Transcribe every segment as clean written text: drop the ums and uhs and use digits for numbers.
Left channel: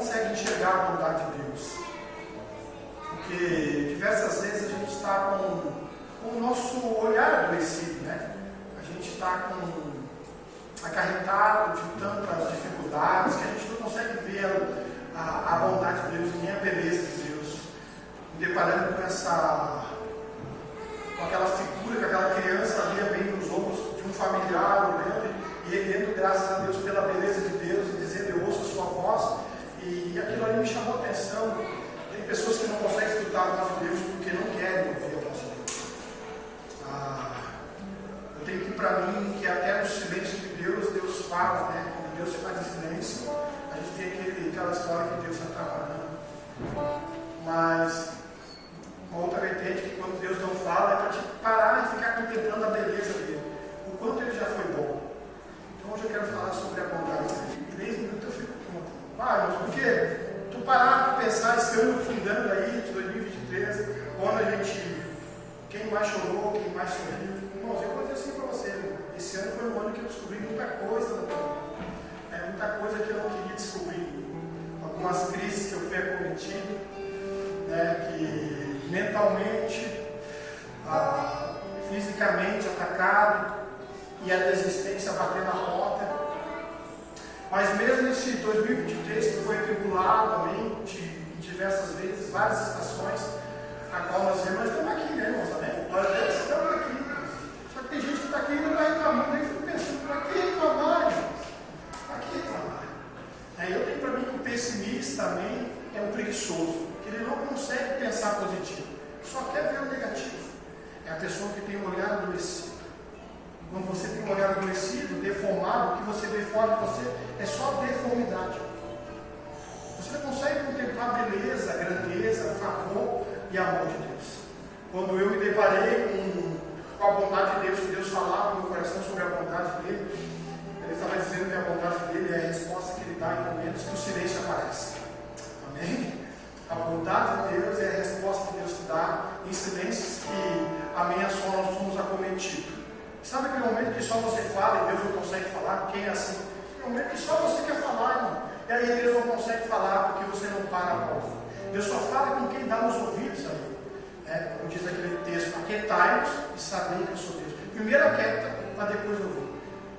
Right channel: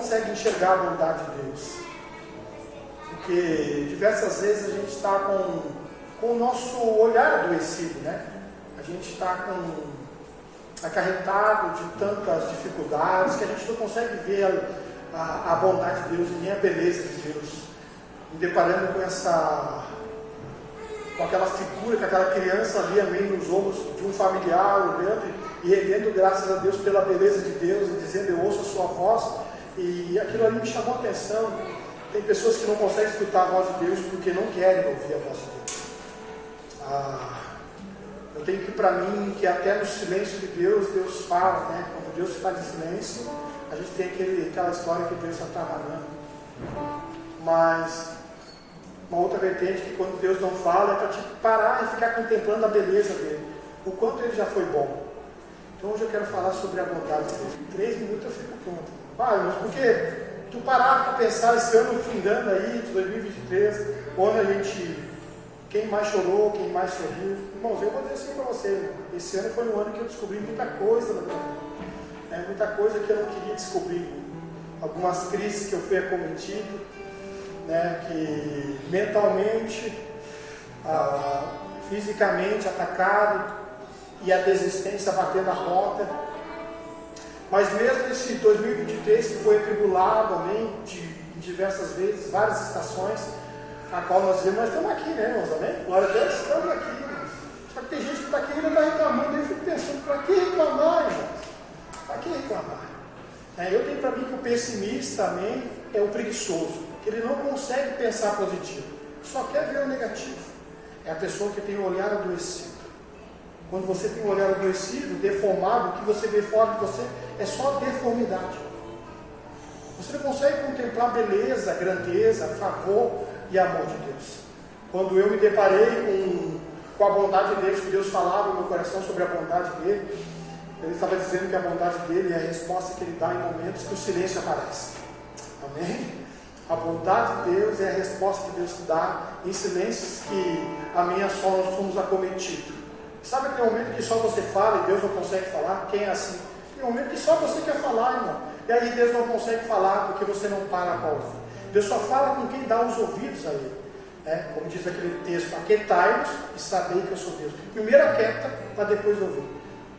consegue enxergar a bondade de Deus. Porque diversas vezes a gente está com o nosso olhar adoecido, né? A gente está acarretado de tantas dificuldades que a gente não consegue ver a bondade de Deus, nem a beleza de Deus. Me deparando com aquela figura, com aquela criança ali meio nos ombros de um familiar, olhando e rendendo graças a Deus pela beleza de Deus e dizendo: eu ouço a sua voz. E aquilo ali me chamou a atenção. Tem pessoas que não conseguem escutar a voz de Deus porque não querem ouvir a voz de Deus. Eu tenho que, para mim, que até no silêncio de Deus, Deus fala, né? Quando Deus se faz em silêncio, a gente tem aquela história que Deus está trabalhando. Mas uma outra vertente que quando Deus não fala é para te parar e ficar contemplando a beleza dele, o quanto ele já foi bom. Então hoje eu quero falar sobre a bondade dele. 3 minutos eu fico pronto. Mas por quê? Tu parar de pensar esse ano findando aí, de 2023, quando a gente, quem mais chorou, quem mais sorriu. Irmãos, eu vou dizer assim para você, esse ano foi um ano que eu descobri muita coisa na minha vida. Muita coisa que eu não queria descobrir. Algumas crises que eu fui acometido, né, que mentalmente, fisicamente atacado, e a desistência batendo na porta. Mas mesmo esse 2023 que foi atribulado, amém, de diversas vezes, várias estações, a qual nós vemos, nós estamos aqui, né, irmãos? Amém? Glória a Deus, estamos aqui. Só que tem gente que está aqui e não está reclamando. Eu fico pensando: para que reclamar, irmãos? Para que reclamar? Eu tenho para mim que o pessimista também é o preguiçoso, que ele não consegue pensar positivo, só quer ver o negativo. É a pessoa que tem o olhar adoecido. Quando você tem um olhar adoecido, deformado, o que você vê fora de você é só deformidade. Você não consegue contemplar beleza, grandeza, favor e amor de Deus. Quando eu me deparei com a bondade de Deus, que Deus falava no meu coração sobre a bondade dele, ele estava dizendo que a bondade dele é a resposta que ele dá em momentos que o silêncio aparece. Amém? A bondade de Deus é a resposta que Deus te dá em silêncios que a minha só nós fomos acometidos. Sabe aquele momento que só você fala e Deus não consegue falar? Quem é assim? Tem um momento que só você quer falar, irmão. E aí Deus não consegue falar porque você não para a ouvir. Deus só fala com quem dá os ouvidos a Ele. Como diz aquele texto: aquietai-vos e sabei que eu sou Deus. Primeiro aquieta para depois ouvir.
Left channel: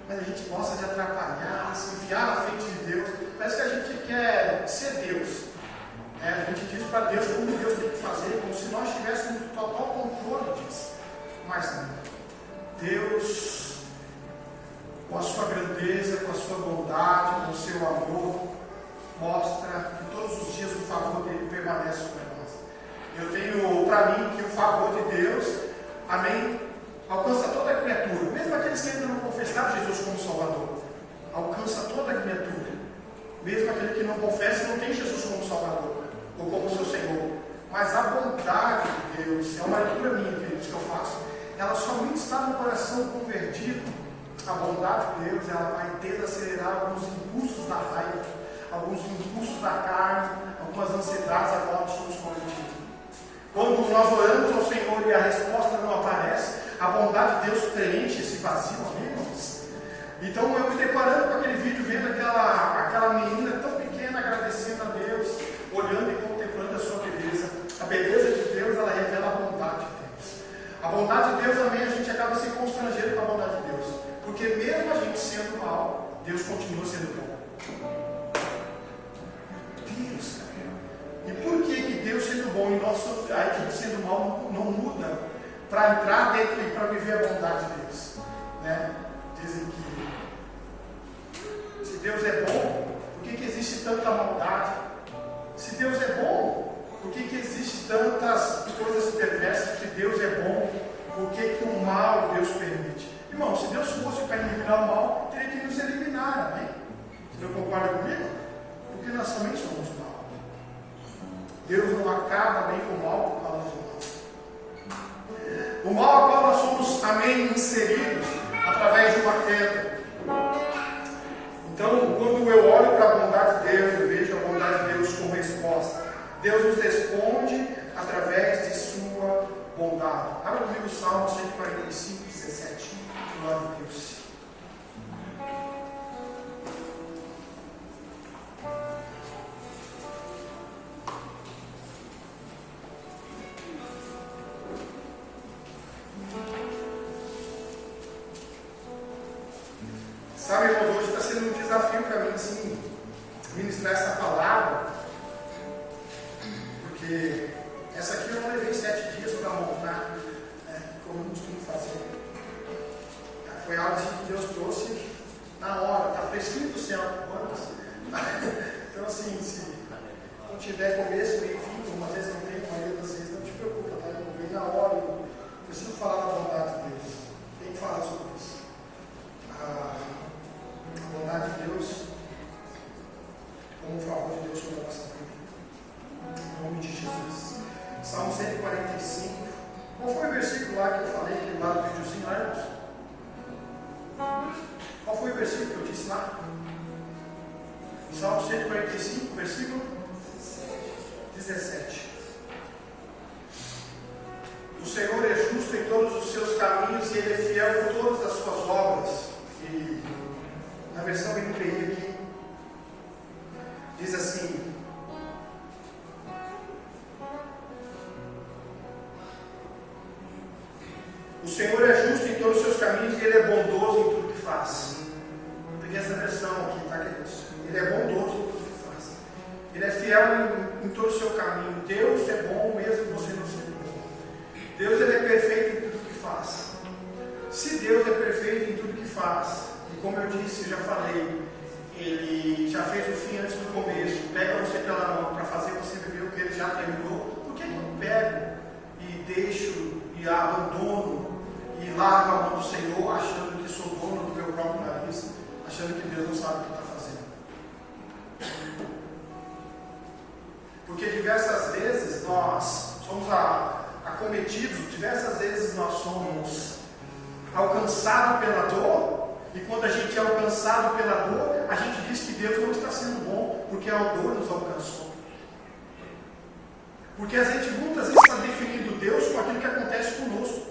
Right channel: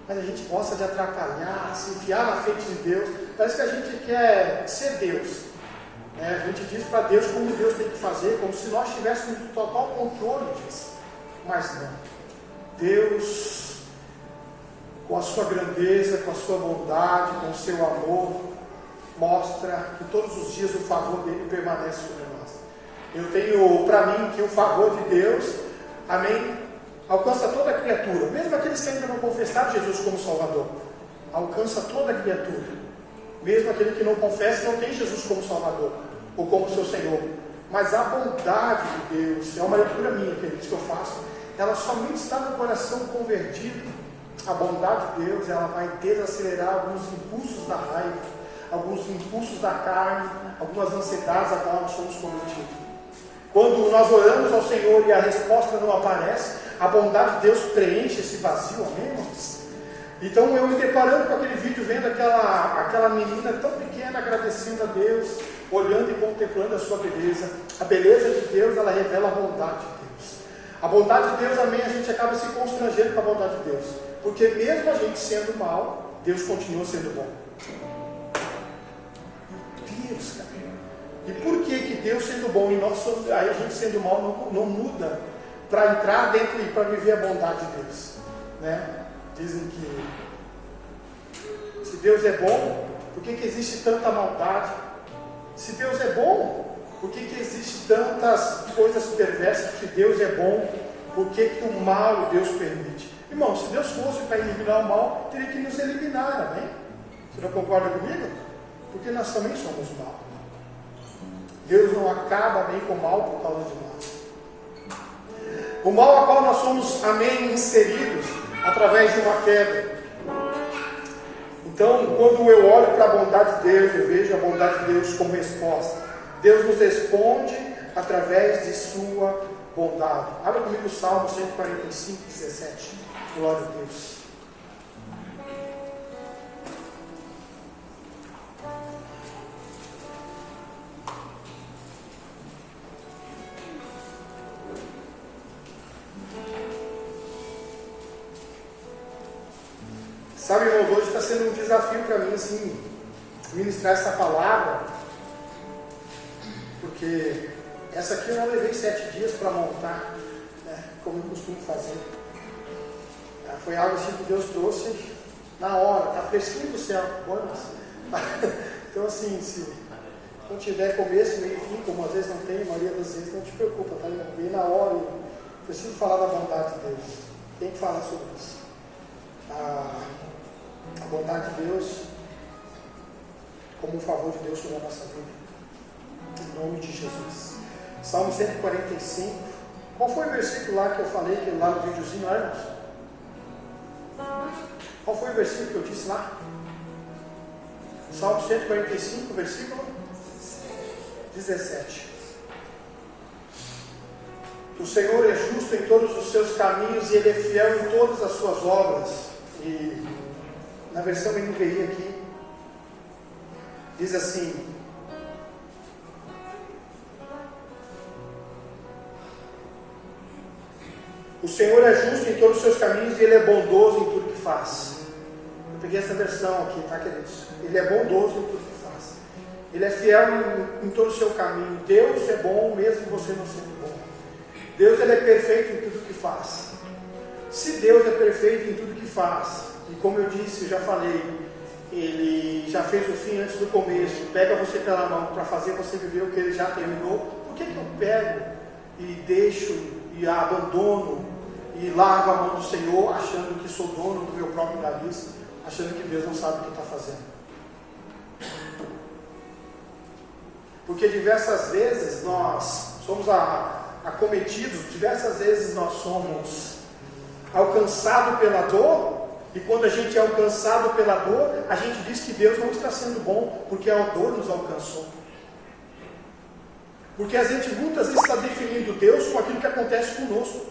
Mas a gente gosta de atrapalhar, se enfiar na frente de Deus. Parece que a gente quer ser Deus. A gente diz para Deus como Deus tem que fazer, como se nós tivéssemos total controle disso. Mas não. Deus, com a sua grandeza, com a sua bondade, com o seu amor, mostra que todos os dias o favor dele permanece sobre nós. Eu tenho para mim que o favor de Deus, amém, alcança toda a criatura, mesmo aqueles que ainda não confessaram Jesus como Salvador, alcança toda a criatura, mesmo aquele que não confessa e não tem Jesus como Salvador ou como seu Senhor. Mas a bondade de Deus, é uma leitura minha, queridos, que eu faço, ela somente está no coração convertido. A bondade de Deus, ela vai desacelerar alguns impulsos da raiva, alguns impulsos da carne, algumas ansiedades a qual nós somos convertidos. Quando nós oramos ao Senhor e a resposta não aparece, a bondade de Deus preenche esse vazio, amém, irmãos? Então eu me deparando com aquele vídeo, vendo aquela menina tão pequena, agradecendo a Deus, olhando e contemplando a sua beleza. A beleza de Deus, ela revela a bondade de Deus. A bondade de Deus, amém, a gente acaba se constrangendo com a bondade de Deus. Porque mesmo a gente sendo mal, Deus continua sendo bom. Deus, cara. E por que Deus sendo bom e a gente sendo mal não muda para entrar dentro e para viver a bondade de Deus? Né? Dizem que se Deus é bom, por que existe tanta maldade? Se Deus é bom, por que existe tantas coisas perversas? Se Deus é bom, por que o mal Deus permite? Irmão, se Deus fosse para eliminar o mal, teria que nos eliminar, amém? Você não concorda comigo? Porque nós também somos mal. Deus não acaba bem com o mal por causa de nós. O mal a qual nós somos, amém, inseridos através de uma queda. Então, quando eu olho para a bondade de Deus, eu vejo a bondade de Deus como resposta. Deus nos responde através de sua bondade. Abra comigo o Salmo 145, 17. Glória a Deus. Sabe, irmãos, hoje está sendo um desafio para mim, assim, ministrar essa palavra, porque essa aqui eu não levei 7 dias para montar, né, como eu costumo fazer. Foi algo assim que Deus trouxe na hora, está fresquinho do céu. Então, assim, se não tiver começo, meio e fim, como às vezes não tem, a maioria das vezes, não te preocupa, tá? Eu vim na hora, eu preciso falar da bondade de Deus. Tem que falar sobre isso. A bondade de Deus, como um favor de Deus sobre a nossa vida. Em nome de Jesus. Salmo 145. Qual foi o versículo lá que eu falei, aquele lá no videozinho lá, irmãos? Qual foi o versículo que eu disse lá? Salmo 145, versículo 17. O Senhor é justo em todos os seus caminhos e Ele é fiel em todas as suas obras. E na versão NVI aqui diz assim: o Senhor é justo em todos os seus caminhos e Ele é bondoso em tudo que faz. Eu peguei essa versão aqui, tá, queridos? Ele é bondoso em tudo que faz. Ele é fiel em todo o seu caminho. Deus é bom mesmo você não sendo bom. Deus, Ele é perfeito em tudo que faz. Se Deus é perfeito em tudo que faz, e como eu disse, eu já falei, Ele já fez o fim antes do começo, pega você pela mão para fazer você viver o que Ele já terminou, por que eu pego e deixo e abandono e largo a mão do Senhor, achando que sou dono do meu próprio nariz, achando que Deus não sabe o que está fazendo? Porque diversas vezes nós somos acometidos, diversas vezes nós somos alcançados pela dor, e quando a gente é alcançado pela dor, a gente diz que Deus não está sendo bom, porque a dor nos alcançou. Porque a gente muitas vezes está definindo Deus com aquilo que acontece conosco.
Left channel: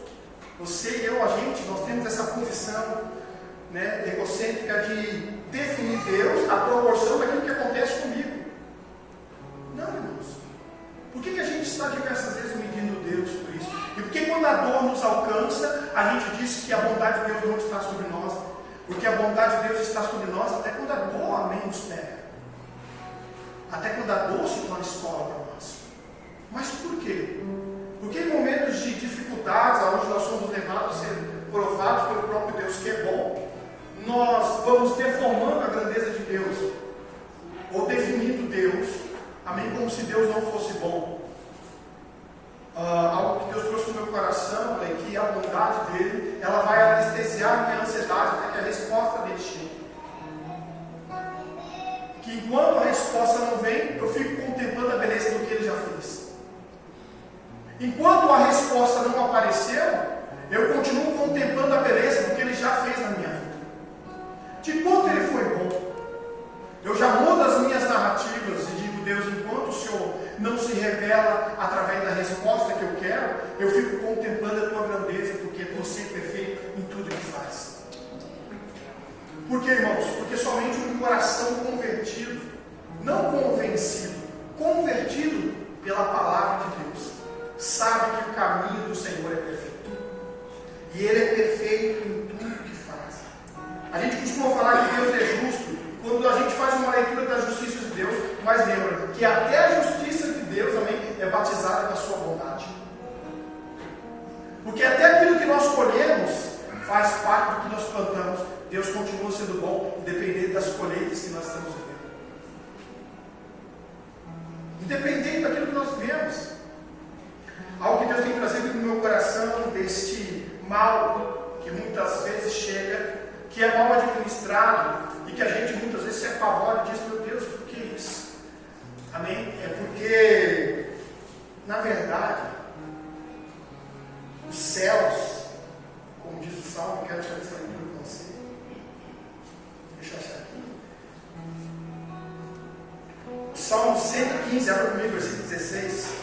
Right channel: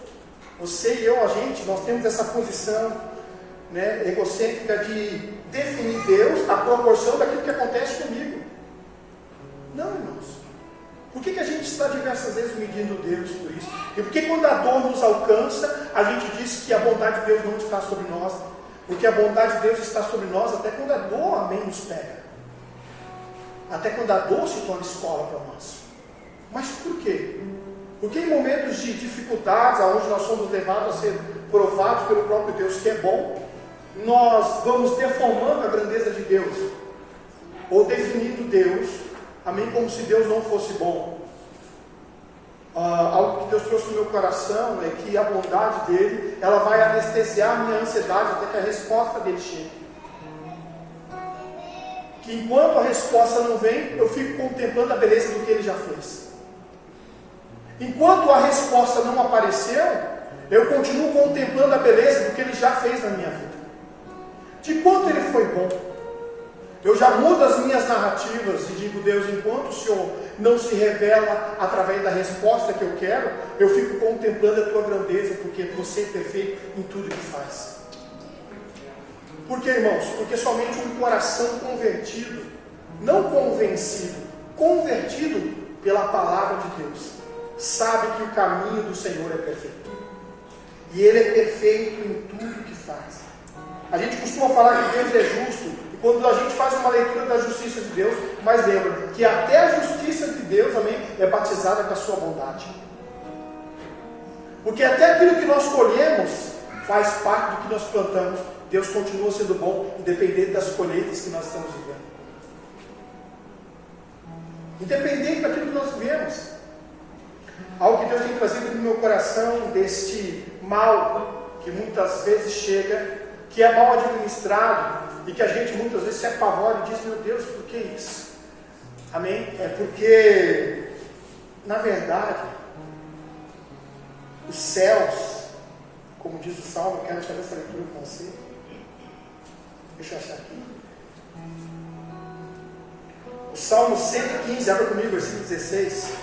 Você e eu, a gente, nós temos essa posição, né, egocêntrica de definir Deus à proporção daquilo que acontece comigo. Não, irmãos. Por que a gente está diversas vezes medindo Deus por isso? E por que quando a dor nos alcança, a gente diz que a bondade de Deus não está sobre nós? Porque a bondade de Deus está sobre nós até quando a dor, amém, nos pega. Até quando a dor se torna escola para nós. Mas por quê? Porque em momentos de dificuldades, onde nós somos levados a ser provados pelo próprio Deus, que é bom, nós vamos deformando a grandeza de Deus, ou definindo Deus, amém, como se Deus não fosse bom. Algo que Deus trouxe no meu coração é que a bondade dele, ela vai anestesiar a minha ansiedade até que a resposta dele chegue. Que enquanto a resposta não vem, eu fico contemplando a beleza do que ele já fez. Enquanto a resposta não apareceu, eu continuo contemplando a beleza do que ele já fez na minha vida. De quanto ele foi bom. Eu já mudo as minhas narrativas e digo: Deus, enquanto o Senhor não se revela através da resposta que eu quero, eu fico contemplando a tua grandeza, porque você é perfeito em tudo que faz. Por quê, irmãos? Porque somente um coração convertido, não convencido, convertido pela palavra de Deus, sabe que o caminho do Senhor é perfeito. E Ele é perfeito em tudo que faz. A gente costuma falar que Deus é justo, e quando a gente faz uma leitura da justiça de Deus, mas lembra que até a justiça de Deus, amém, é batizada com a sua bondade. Porque até aquilo que nós colhemos faz parte do que nós plantamos. Deus continua sendo bom, independente das colheitas que nós estamos vivendo. Independente daquilo que nós vivemos. Algo que Deus tem trazido no meu coração, deste mal que muitas vezes chega, que é mal administrado, e que a gente muitas vezes se apavora e diz: meu Deus, por que isso? Amém? É porque, na verdade, os céus, como diz o Salmo, quero fazer essa leitura com você. Deixa eu achar aqui. O Salmo 115, abra comigo, versículo 16.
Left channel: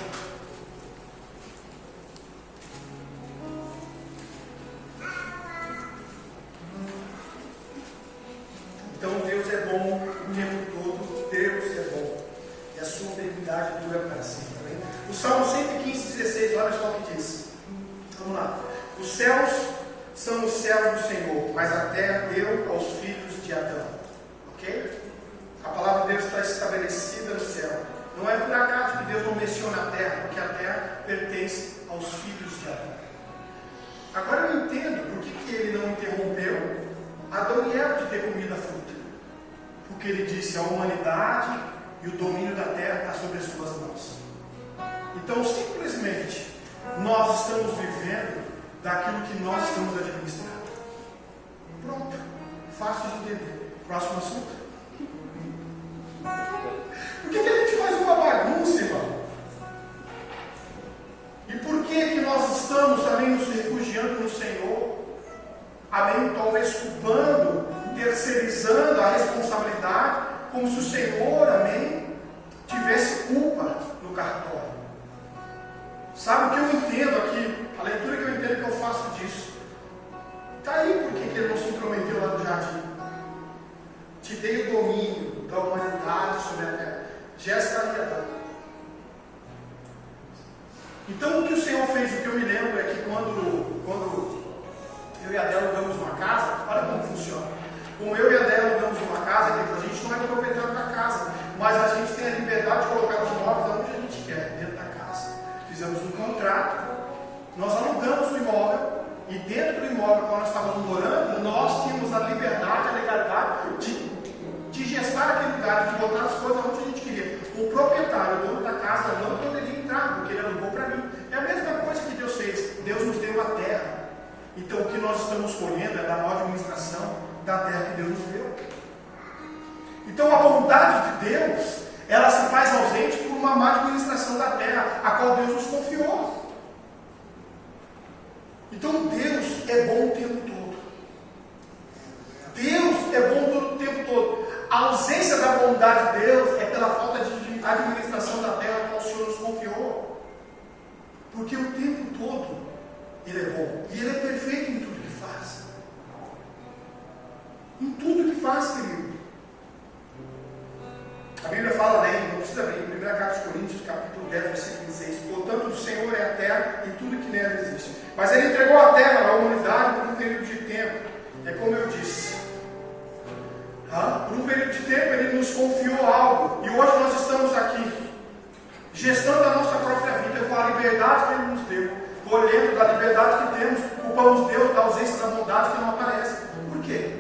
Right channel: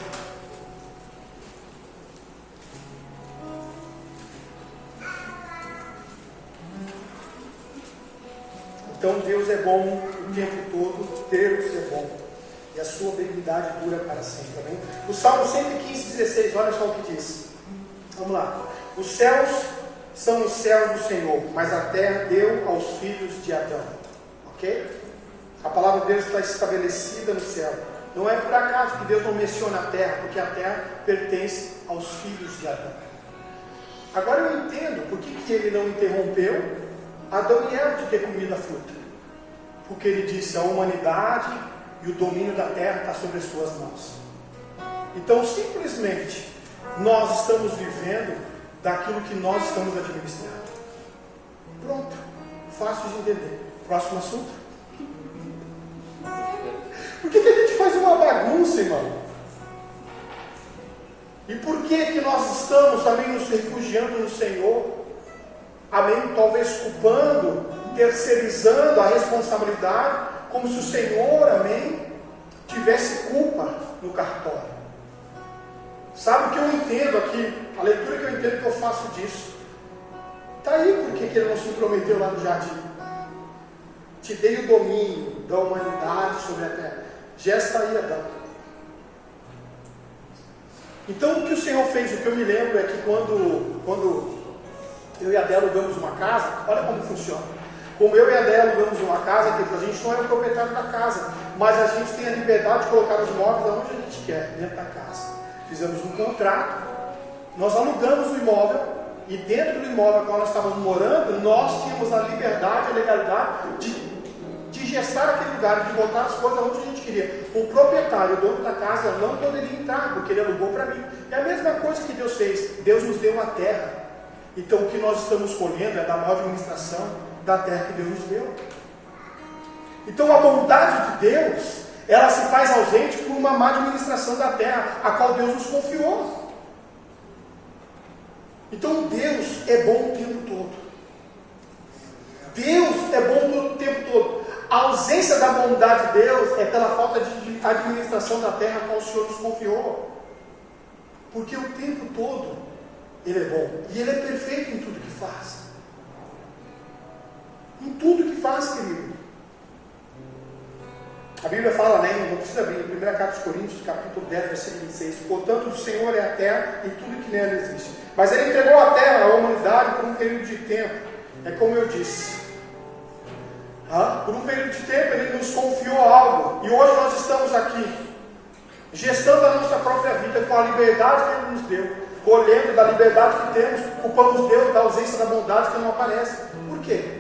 Então Deus é bom o tempo todo, Deus é bom, e a sua benignidade dura para sempre. Tá bem? O Salmo 115, 16, olha só o que diz. Vamos lá. Os céus são os céus do Senhor, mas a terra deu aos filhos de Ok? A palavra de Deus está estabelecida no céu. Não é por acaso que Deus não menciona a terra, porque a terra pertence aos filhos de Adão. Agora eu entendo por que ele não interrompeu Adão e Eva de ter comido a fruta. Porque ele disse: a humanidade e o domínio da terra está sobre as suas mãos. Então, simplesmente, nós estamos vivendo daquilo que nós estamos administrando. Pronto, fácil de entender. Próximo assunto. Por que a gente faz uma bagunça, irmão? E por que nós estamos, amém, nos refugiando no Senhor? Amém? Talvez culpando, terceirizando a responsabilidade, como se o Senhor, amém, tivesse culpa no cartório. Sabe o que eu entendo aqui? A leitura que eu entendo que eu faço disso. Está aí por que ele não se intrometeu lá no jardim. Te dei o domínio da humanidade sobre a terra. Já estaria dado. Então o que o Senhor fez, o que eu me lembro é que quando eu e a Adélia alugamos uma casa, olha como funciona. Como eu e a Adélia alugamos uma casa, a gente não é o proprietário da casa, mas a gente tem a liberdade de colocar os móveis onde a gente quer, dentro da casa. Fizemos um contrato, nós alugamos o imóvel, e dentro do imóvel que nós estávamos morando, nós tínhamos a liberdade, a legalidade de gestar aquele lugar, de botar as coisas onde a gente queria. O proprietário, o dono da casa, não poderia entrar, porque ele alugou para mim. É a mesma coisa que Deus fez. Deus nos deu a terra. Então o que nós estamos colhendo é da boa administração da terra que Deus nos deu. Então a bondade de Deus, ela se faz ausente por uma má administração da terra, a qual Deus nos confiou. Então Deus é bom o tempo todo. Deus é bom o tempo todo. A ausência da bondade de Deus é pela falta de administração da terra que o Senhor nos confiou. Porque o tempo todo Ele é bom. E Ele é perfeito em tudo que faz. Em tudo que faz, querido. A Bíblia fala, né, não precisa abrir, 1 Carta de Coríntios, capítulo 10, versículo 26. Portanto, o Senhor é a terra e tudo que nela existe. Mas Ele entregou a terra à humanidade por um período de tempo. É como eu disse. Por um período de tempo Ele nos confiou algo. E hoje nós estamos aqui, gestando a nossa própria vida com a liberdade que Ele nos deu. Colhendo da liberdade que temos, culpamos Deus da ausência da bondade que não aparece. Por quê?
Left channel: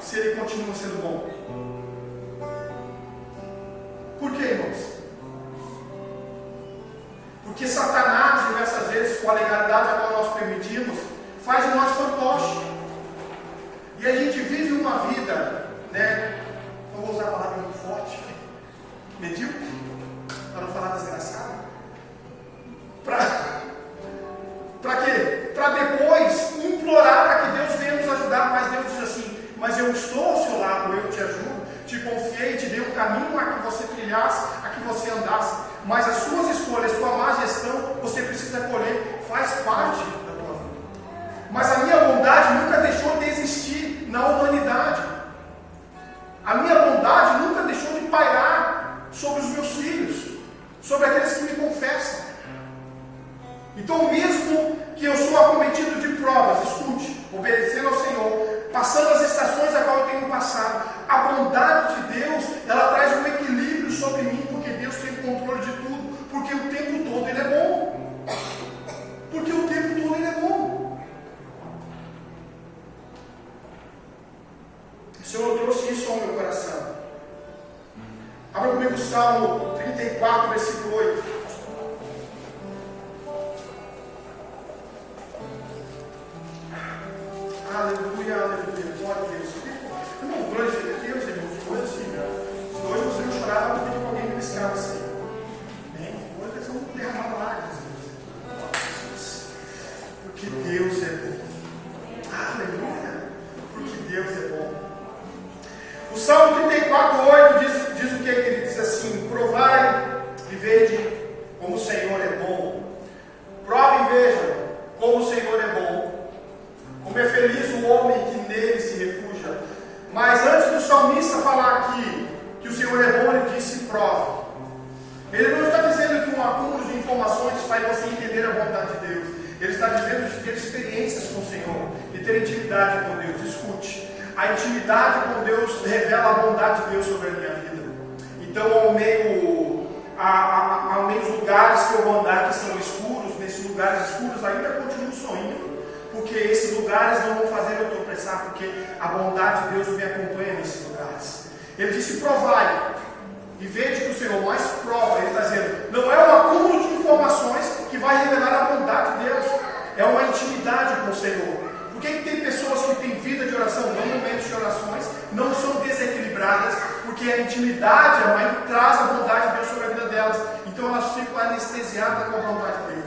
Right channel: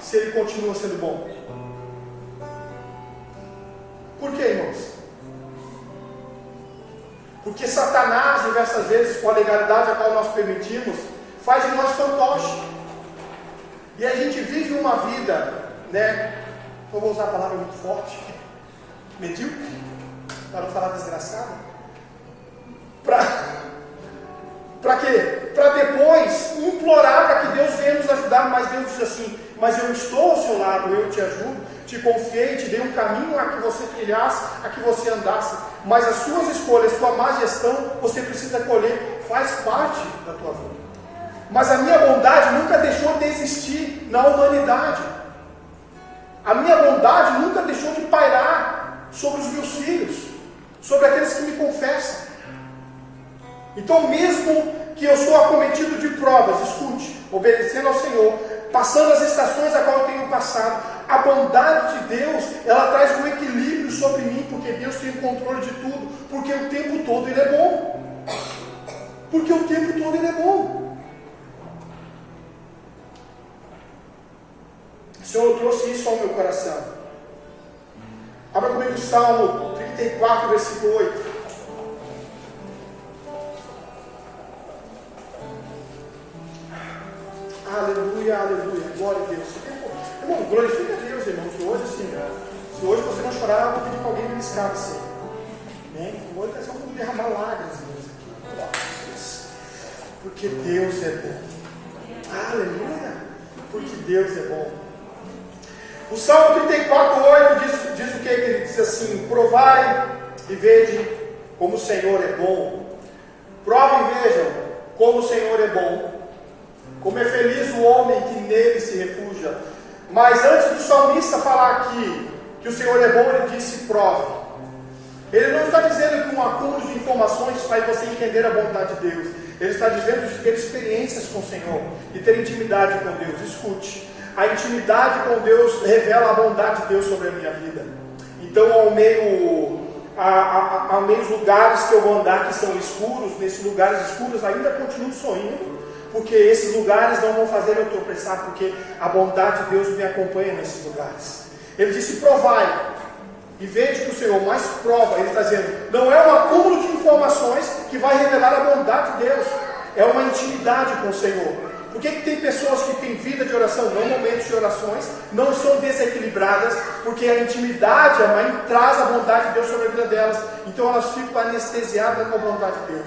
Se Ele continua sendo bom. Por quê, irmãos? Porque Satanás, diversas vezes, com a legalidade a qual nós permitimos, faz de nós fantoche. E a gente vive uma vida, né? Não vou usar a palavra muito forte, medíocre, para não falar desgraçado. Para quê? Para depois implorar para que Deus venha nos ajudar. Mas Deus diz assim: mas eu estou ao seu lado, eu te ajudo, te confiei, te dei um caminho a que você trilhasse, a que você andasse. Mas as suas escolhas, sua má gestão, você precisa colher, faz parte da tua vida. Mas a minha bondade nunca deixou de existir na humanidade. A minha bondade nunca deixou de pairar sobre os meus filhos, sobre aqueles que me confessam. Então, mesmo que eu sou acometido de provas, escute, obedecendo ao Senhor, passando as estações a qual eu tenho passado, a bondade de Deus, ela traz um equilíbrio sobre mim, porque Deus tem controle de tudo, porque o tempo todo Ele é bom. Porque o tempo todo Ele é bom. O Senhor trouxe isso ao meu coração. Abra comigo o Salmo 34, versículo 8. Aleluia, aleluia, glória a Deus. Irmão, glorifica a Deus, irmão, que hoje assim, se hoje você não chorar, eu vou pedir que alguém me escapa assim. Hoje nós vamos derramar lágrimas, Deus. Porque Deus é bom. Aleluia, porque Deus é bom. O Salmo 34, 8 diz o que ele diz assim: provai e vede como o Senhor é bom. Provem e vejam como o Senhor é bom. Como é feliz o homem que nele se refugia. Mas antes do salmista falar aqui que o Senhor é bom, ele disse prove. Ele não está dizendo que um acúmulo de informações faz você entender a bondade de Deus. Ele está dizendo de ter experiências com o Senhor, de ter intimidade com Deus. Escute, A intimidade com Deus revela a bondade de Deus sobre a minha vida. Então, ao meio lugares que eu vou andar que são escuros, nesses lugares escuros ainda continuo sorrindo, porque esses lugares não vão fazer eu tropeçar, porque a bondade de Deus me acompanha nesses lugares. Ele disse: provai e vede que o Senhor mais prova. Ele está dizendo, não é um acúmulo de informações que vai revelar a bondade de Deus, é uma intimidade com o Senhor. Por que tem pessoas que têm vida de oração, não momentos de orações, não são desequilibradas? Porque a intimidade, a mãe traz a bondade de Deus sobre a vida delas, então elas ficam anestesiadas com a bondade de Deus.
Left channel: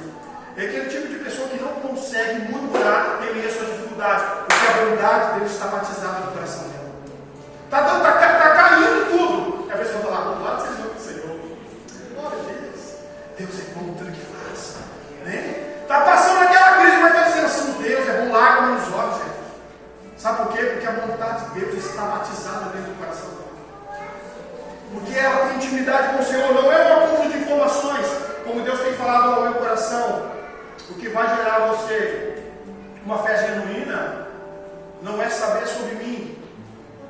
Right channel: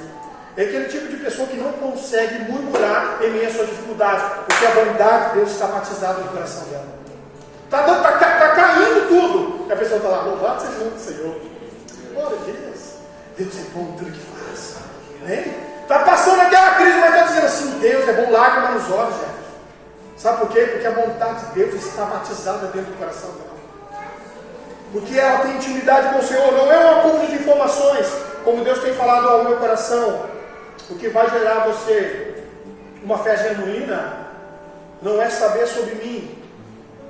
É aquele tipo de pessoa que não consegue murmurar em meio às suas dificuldades, porque a bondade de Deus está batizada no coração dela. Está caindo tudo. A pessoa está lá, louvado seja o nome do Senhor. Glória a Deus. Deus é bom em tudo que faz. Né? Está passando aquela crise, mas está dizendo assim: Deus é bom, lágrima nos olhos, gente. Sabe por quê? Porque a vontade de Deus está batizada dentro do coração dela. Porque ela tem intimidade com o Senhor, não é um acúmulo de informações, como Deus tem falado ao meu coração. O que vai gerar você uma fé genuína não é saber sobre mim,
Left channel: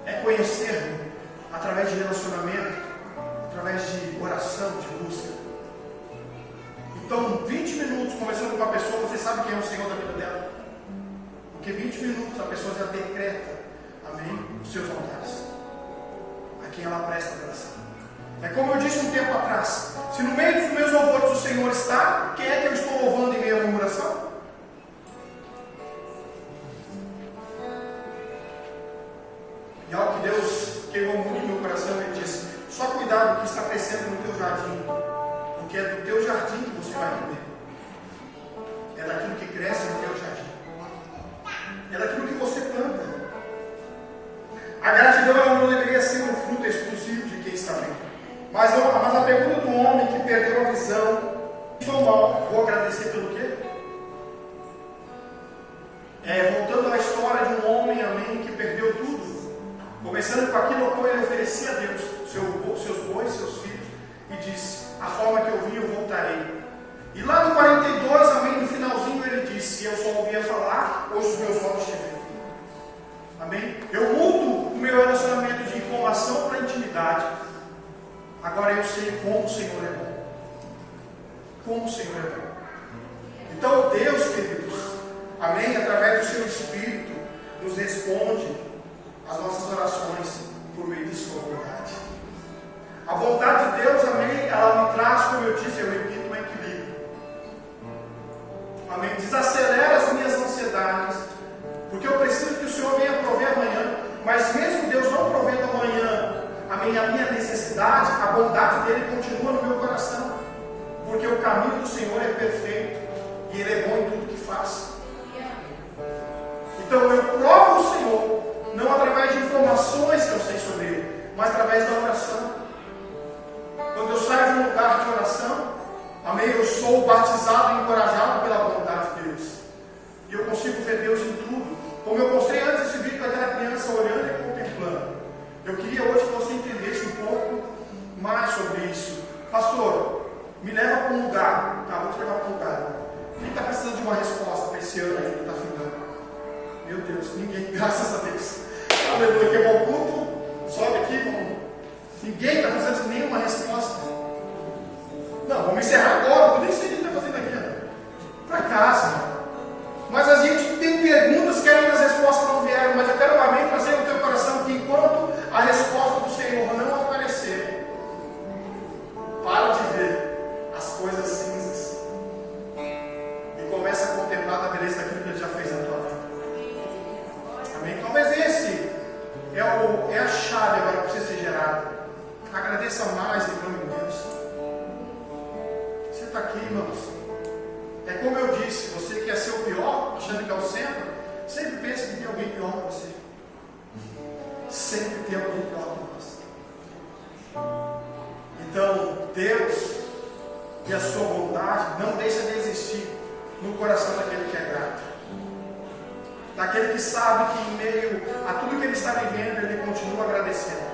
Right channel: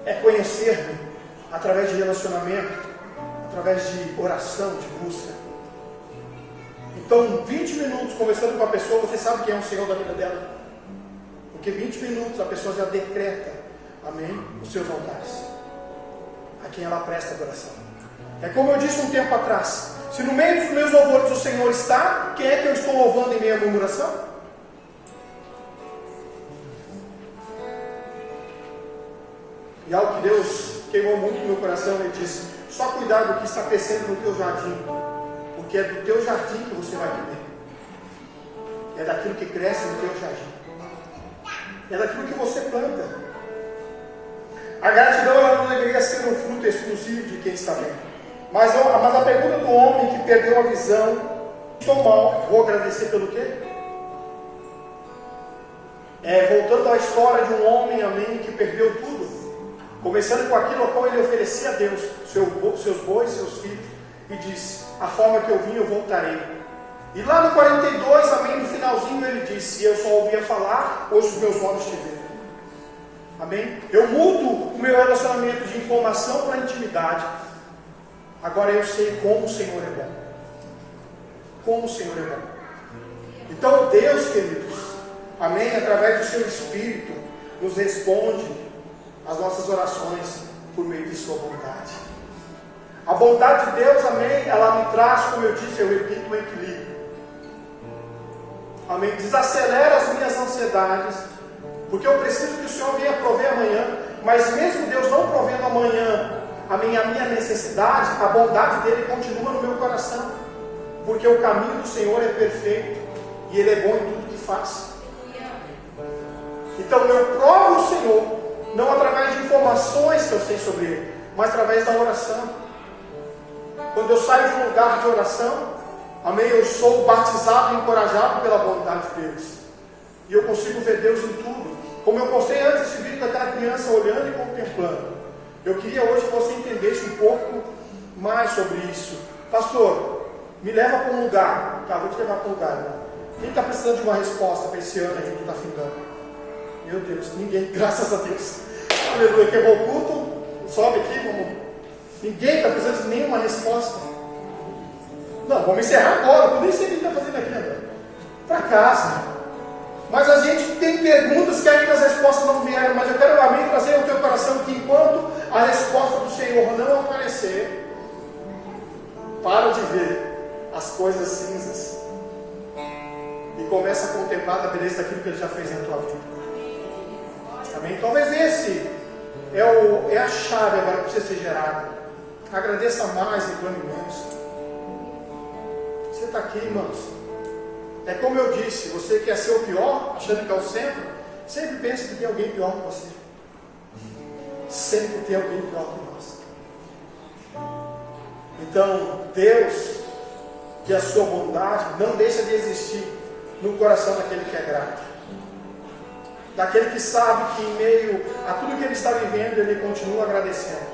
é conhecer-me através de relacionamento, através de oração, de busca. Então, 20 minutos conversando com a pessoa, você sabe quem é o Senhor da vida dela. Porque 20 minutos a pessoa já decreta, amém, os seus altares, a quem ela presta adoração. É como eu disse um tempo atrás: se no meio dos meus louvores o Senhor está, quem é que eu estou louvando em meio à murmuração? E algo que Deus queimou muito no meu coração, Ele disse: só cuidado do que está crescendo no teu jardim, porque é do teu jardim que você vai viver. É daquilo que cresce no teu jardim, é daquilo que você planta. A gratidão ela não deveria ser um fruto exclusivo de quem está vendo. Mas a pergunta do homem que perdeu a visão: estou mal, vou agradecer pelo quê? Voltando à história de um homem, amém, que perdeu tudo, começando com aquilo a qual ele oferecia a Deus, seus bois, seus filhos, e disse: a forma que eu vim eu voltarei. E lá no 42, amém, no finalzinho ele disse: eu só ouvia falar, hoje os meus olhos te veem. Amém? Eu mudo o meu relacionamento de informação para intimidade. Agora eu sei como o Senhor é bom. Como o Senhor é bom. Então Deus, queridos, amém, através do seu Espírito, nos responde as nossas orações por meio de sua bondade. A bondade de Deus, amém, ela me traz, como eu disse, eu repito, um equilíbrio. Amém? Desacelera as minhas ansiedades, porque eu preciso que o Senhor venha prover amanhã. Mas mesmo Deus não provendo amanhã a minha necessidade, a bondade dele continua no meu coração, porque o caminho do Senhor é perfeito e Ele é bom em tudo que faz. Então eu provo o Senhor, não através de informações que eu sei sobre Ele, mas através da oração. Quando eu saio de um lugar de oração, amém, eu sou batizado e encorajado pela bondade de Deus, e eu consigo ver Deus em tudo. Como eu postei antes esse vídeo daquela criança olhando e contemplando, eu queria hoje que você entendesse um pouco mais sobre isso. Pastor, me leva para um lugar. Tá, vou te levar para um lugar. Quem está precisando de uma resposta para esse ano aí que está findando? Meu Deus, ninguém, graças a Deus. Aleluia, quebrou o culto, sobe aqui, vamos. Ninguém está precisando de nenhuma resposta. Não, vamos encerrar agora, eu nem sei o que está fazendo aqui, né? Para casa. Mas a gente tem perguntas que ainda as respostas não vieram, mas eu quero amém trazer ao teu coração que enquanto a resposta do Senhor não aparecer, para de ver as coisas cinzas e começa a contemplar a beleza daquilo que Ele já fez na tua vida. Amém? Talvez esse é a chave agora para você ser gerado. Agradeça mais em nome de Deus. Você está aqui, irmãos. É como eu disse, você quer ser o pior, achando que é o centro, sempre pensa que tem alguém pior que você. Sempre tem alguém pior que você. Então, Deus e a sua bondade não deixa de existir no coração daquele que é grato. Daquele que sabe que em meio a tudo que ele está vivendo, ele continua agradecendo.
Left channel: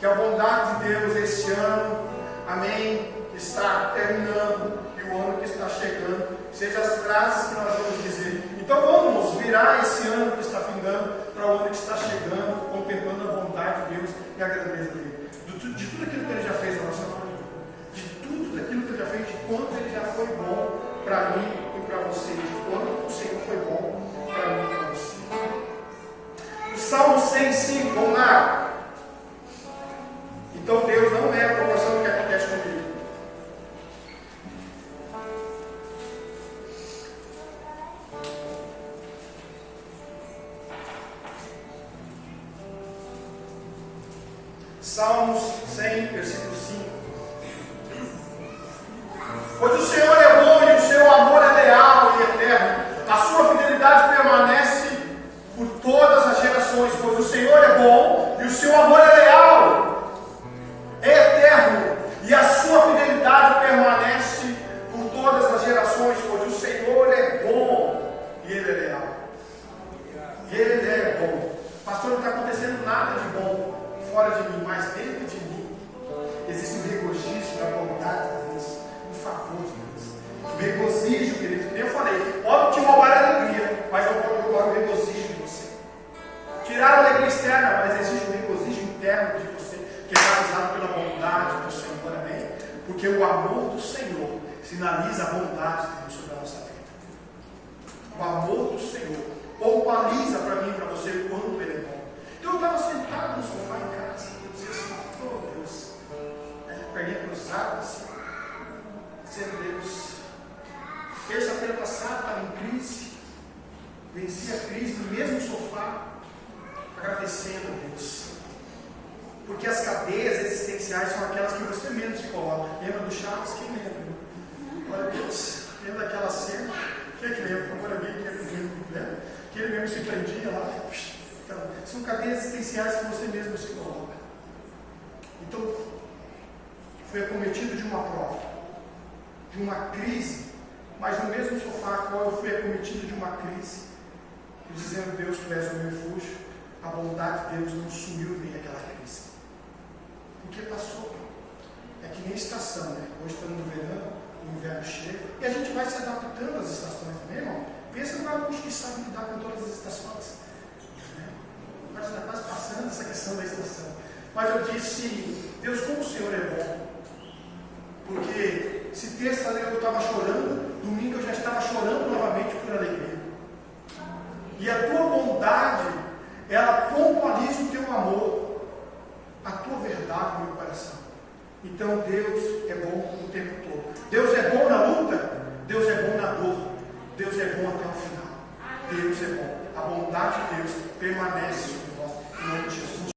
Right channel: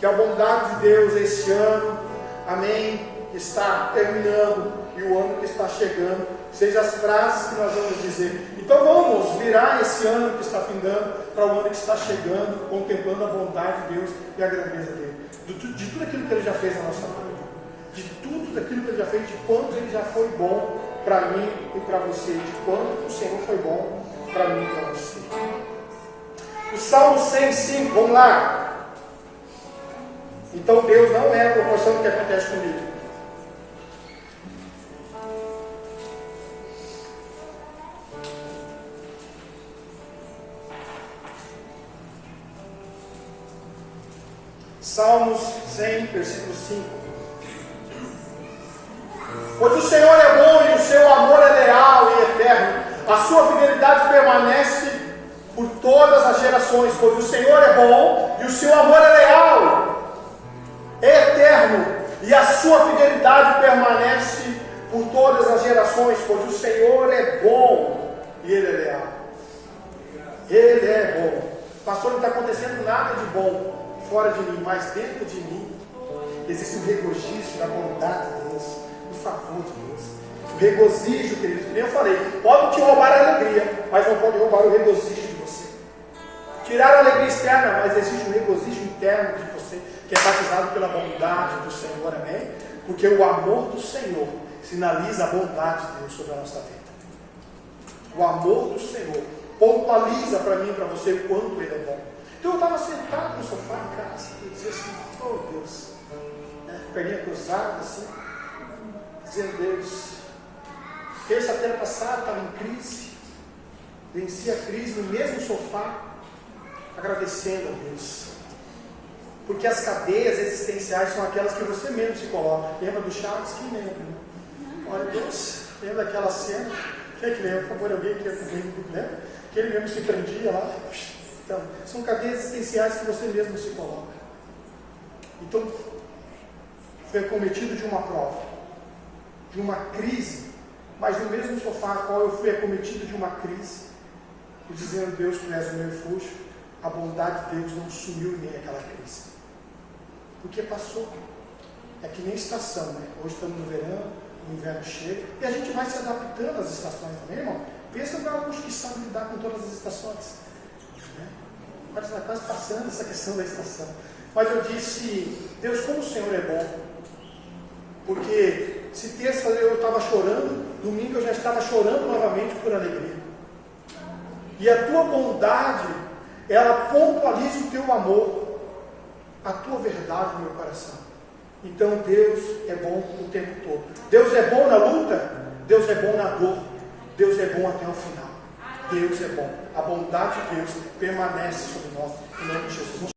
Que a bondade de Deus este ano, amém, está terminando e o ano que está chegando, sejam as frases que nós vamos dizer. Então vamos virar esse ano que está findando para o ano que está chegando, contemplando a bondade de Deus e a grandeza dele. De tudo aquilo que ele já fez na nossa vida, de tudo aquilo que ele já fez, de quanto ele já foi bom para mim e para você, de quanto o Senhor foi bom para mim e para você. O Salmo 105, vamos lá. Então Deus não é a proporção do que acontece comigo. Salmos 100, versículo 5. Pois o Senhor é bom e o seu amor é leal e eterno. A sua fidelidade permanece por todas as gerações. Pois o Senhor é bom e o seu amor é leal, é eterno. E a sua fidelidade permanece por todas as gerações. Pois o Senhor é bom e Ele é leal. Ele é bom. Pastor, não está acontecendo nada de bom fora de mim, mas dentro de mim existe um regozijo da bondade de Deus, do favor de Deus. O regozijo, querido, como eu falei, pode te roubar a alegria, mas não pode roubar o regozijo de você. Tirar a alegria externa, mas existe um regozijo interno de você, que é batizado pela bondade do Senhor, amém? Porque o amor do Senhor sinaliza a bondade de Deus sobre a nossa vida. O amor do Senhor pontualiza para mim e para você o quanto Ele é bom. Então eu estava sentado no sofá em casa, e dizia assim, oh Deus, perninha cruzada assim, dizendo, Deus, terça-feira passada estava em crise, venci a crise no mesmo sofá, agradecendo a Deus, porque as cadeias existenciais são aquelas que você mesmo se coloca. Lembra do Chaves? Quem lembra? Olha Deus, lembra daquela cena? Quem é que lembra? Por favor, alguém que é comigo, lembra? Que ele mesmo se prendia lá. Então, são cadeias existenciais que você mesmo se coloca. Então, foi acometido de uma prova, de uma crise, mas no mesmo sofá a qual eu fui acometido de uma crise, e dizendo, Deus, tu és o meu refúgio, a bondade de Deus não sumiu em mim aquela crise, porque passou. É que nem estação, né? Hoje estamos no verão, o inverno chega, e a gente vai se adaptando às estações também, irmão. Pensa para alguns que sabem lidar com todas as estações. Mas está quase passando essa questão da estação. Mas eu disse, Deus, como o Senhor é bom. Porque se terça eu estava chorando, domingo eu já estava chorando novamente por alegria. E a tua bondade, ela pontualiza o teu amor, a tua verdade no meu coração. Então Deus é bom o tempo todo. Deus é bom na luta, Deus é bom na dor, Deus é bom até o final. Deus é bom. A bondade de Deus permanece sobre nós, em nome de Jesus.